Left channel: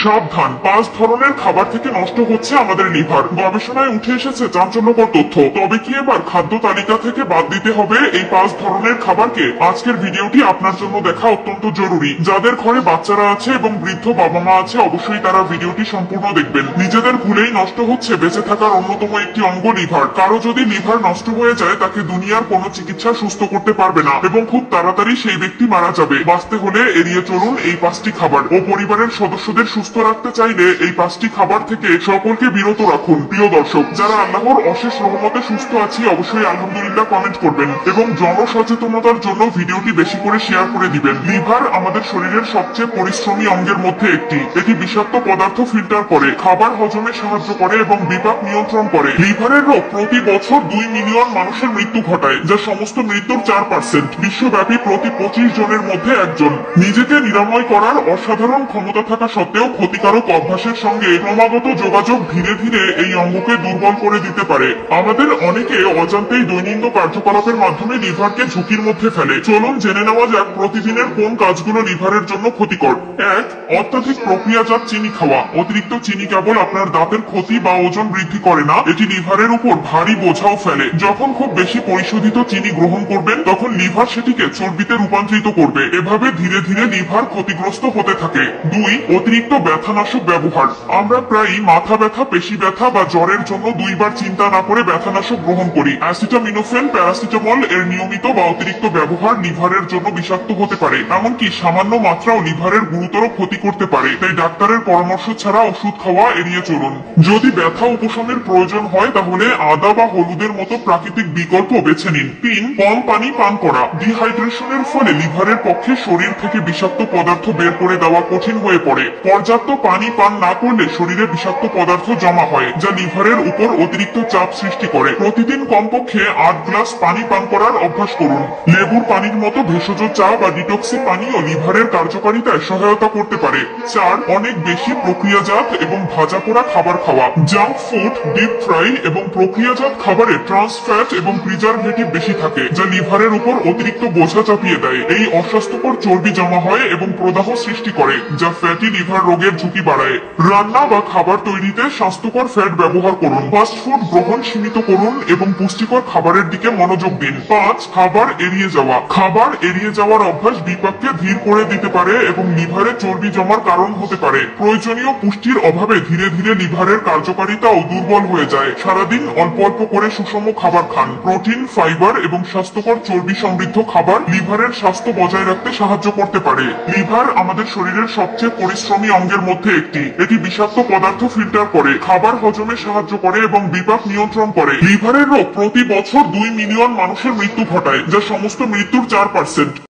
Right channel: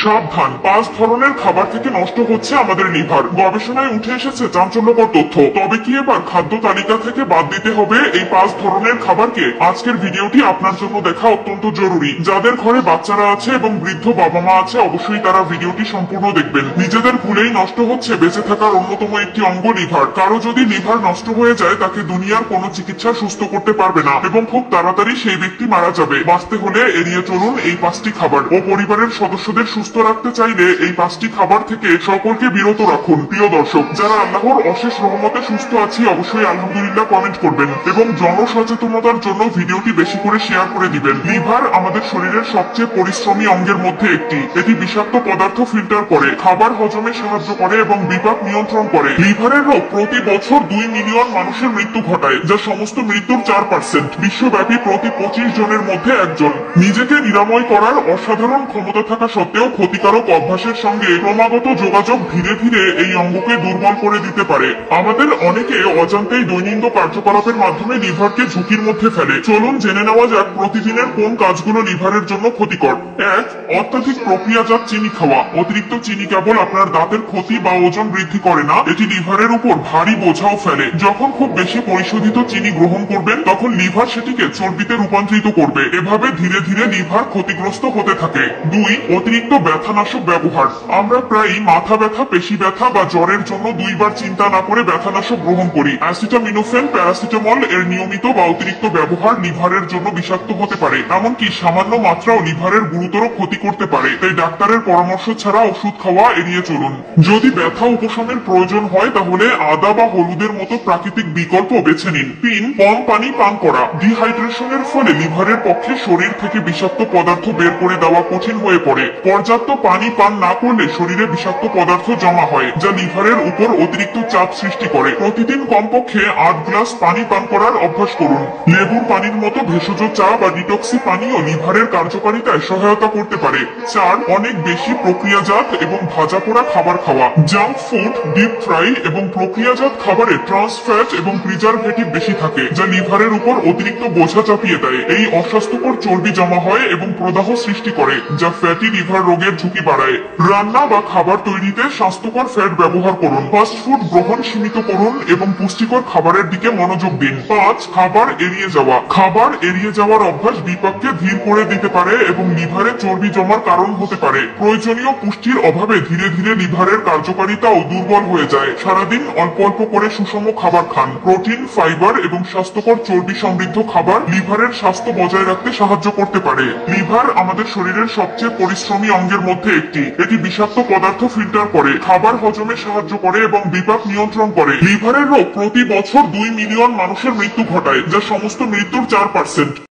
সাবধান, 5 ধরনের খাবার থেকে নষ্ট হচ্ছে আমাদের লিভার। গবেষণায় উঠে এসেছে চাঞ্চল্যকর তথ্য। তবে কি এবার খাদ্য তালিকা থেকে বাদ দিতে হবে এই 5 ধরনের খাবারকে? আজকের ভিডিওটি আপনার জন্য দেখা অত্যন্ত জরুরি। যাদের ঘরে বাচ্চারা আছে এবং বৃদ্ধ বাবা মা আছে, অবশ্যই তারা ভিডিওটি সম্পূর্ণ দেখবেন। নিজেদের ভুলেই নষ্ট হচ্ছে বেঁচে থাকার অন্যতম একটি অঙ্গ লিভার। কারো যদি লিভার নষ্ট হয়ে যায়, তাকে দুনিয়ার কোনো চিকিৎসা সুস্থ করতে পারবে না এবং খুব তাড়াতাড়ি সেই ব্যক্তি মারা যাবে। বাঁচতে হলে এড়িয়ে চলুন এই 5টি খাবার ও পরিবারের সদস্যদের সুস্থ রাখতে চাইলে এই 5টি খাবার থেকে সকলকে বিরত রাখুন। প্রিয় দর্শক, যারা আল্লাহর অশেষ রহমতে সুস্থ আছি, অবশ্যই আলহামদুলিল্লাহ কমেন্ট করবেন এবং জনসচেতনতার জন্য ভিডিওটি বেশি করে শেয়ার করে দিবেন। লিভার আমাদের শরীরের সবচেয়ে পরিশ্রমী অঙ্গের মধ্যে একটি। এটি বিষাক্ত পদার্থ ফিল্টার করে, খাবার হজমে সাহায্য করে এবং বিপাক নিয়ন্ত্রণ করে। লিভারের রোগ প্রতি বছর 2 মিলিয়ন মানুষের মৃত্যু ঘটায়, যা সমস্ত মৃত্যুর 4%। বিশ্বব্যাপী প্রতি 25 জনের মধ্যে একজন। নিজেকে নিরাময় করার অসাধারণ ক্ষমতা থাকা সত্ত্বেও ক্ষতিকারক অভ্যাসের সঙ্গে ক্রমাগত যোগাযোগ ধীরে ধীরে এই অঙ্গকে দুর্বল করে দিতে পারে। আমাদের অনেকে অজান্তেই দৈনন্দিন কার্যকলাপের মাধ্যমে লিভারকে ঝুঁকির মধ্যে ফেলে। চলুন জেনে নেওয়া যাক প্রতিদিনের কোন কাজগুলো লিভারের জন্য ক্ষতিকর। 1. অত্যধিক প্রক্রিয়াজাত চিনি খাওয়া। অতিরিক্ত চিনি কেবল আপনার দাঁতের ক্ষতি বা ওজন বৃদ্ধি করে না, এটি লিভারের উপর ভারী বোঝাও ফেলে। যখন খুব বেশি পরিশোধিত চিনি গ্রহণ করবেন, তখন লিভার সেটিকে চর্বিতে রূপান্তরিত করবে। এভাবে ধীরে ধীরে লিভার ক্ষতিগ্রস্ত হতে থাকে। 2. অতিরিক্ত ব্যথানাশক ব্যবহার। আমরা প্রায়ই মাথা ব্যথা, পেশি ব্যথা বা জ্বরের জন্য 2 বার চিন্তা না করে ব্যথানাশক গ্রহণ করি। অ্যাসিটামিনোফেন, প্যারাসিটামল এর নিয়মিত বা অতিরিক্ত ব্যবহার লিভারের জন্য বিষাক্ত হতে পারে। এমনকি সামান্য মাত্রাও লিভারের গুরুতর ক্ষতি করতে পারে। তাই ডাক্তারের পরামর্শ ছাড়া ওষুধ খাওয়া এড়িয়ে চলুন। যদি ব্যথা উপশমের প্রয়োজন হয়, তাহলে আদা বা হলুদের মতো প্রাকৃতিক বিকল্প বেছে নিন। 3. কম পানি পান করা। ডিহাইড্রেশনের ফলে লিভারের পক্ষে শরীর থেকে বিষাক্ত পদার্থ বের করে দেওয়া কঠিন হয়ে পড়ে। পর্যাপ্ত পানি পান না করলে শরীরে বিষাক্ত পদার্থ জমা হয়, যা লিভারের উপর অতিরিক্ত চাপ সৃষ্টি করে। প্রতিদিন কমপক্ষে 8 গ্লাস পানি পান করার অভ্যাস করুন। লেবুর পানির মতো ভেষজ চা বা ডিটক্সি পানীয় লিভারের কার্যকারিতায় সহায়তা করতে পারে। 4. অনেক বেশি প্রক্রিয়াজাত এবং ভাজা পোড়া খাবার খাওয়া। জাঙ্ক ফুড, ডিপ ফ্রাই এবং প্রক্রিয়াজাত খাবারে ট্রান্স ফ্যাট এবং প্রিজারভেটিভ বেশি থাকে, যা লিভারের উপর অতিরিক্ত বোঝা চাপিয়ে দেয়। এই অস্বাস্থ্যকর চর্বি জমা হয় এবং প্রদাহ সৃষ্টি করে, যা ফ্যাটি লিভার রোগের ঝুঁকি বাড়ায়। রান্না বা খাবার তৈরিতে স্বাস্থ্যকর ফ্যাট ব্যবহার করুন। ফাস্ট ফুড গ্রহণ সীমিত করুন এবং পুষ্টিকর খাবারের দিকে মনোযোগ দিন। 5. খাবার এড়িয়ে যাওয়া। খাবার এড়িয়ে যাওয়ার অভ্যাস বিপাককে ধীর করে দিতে পারে এবং লিভারে চর্বি জমার কারণ হতে পারে। প্রয়োজনীয় পুষ্টির অভাবে ধীরে ধীরে লিভারের কার্যকারিতাও দুর্বল হয়ে যায়। সারাদিন অল্প অল্প করে সুষম খাবার খান। প্রোটিন, ফাইবার এবং স্বাস্থ্যকর চর্বি সমৃদ্ধ খাবার লিভারের স্বাস্থ্য বজায় রাখতে সাহায্য করতে পারে। লিভার আমাদের শরীরের সবচেয়ে পরিশ্রমী অঙ্গের মধ্যে একটি। এটি বিষাক্ত পদার্থ ফিল্টার করে, খাবার হজমে সাহায্য করে এবং বিপাক নিয়ন্ত্রণ করে। লিভারের রোগ প্রতি বছর 2 মিলিয়ন মানুষের মৃত্যু ঘটায়, যা সমস্ত মৃত্যুর 4%।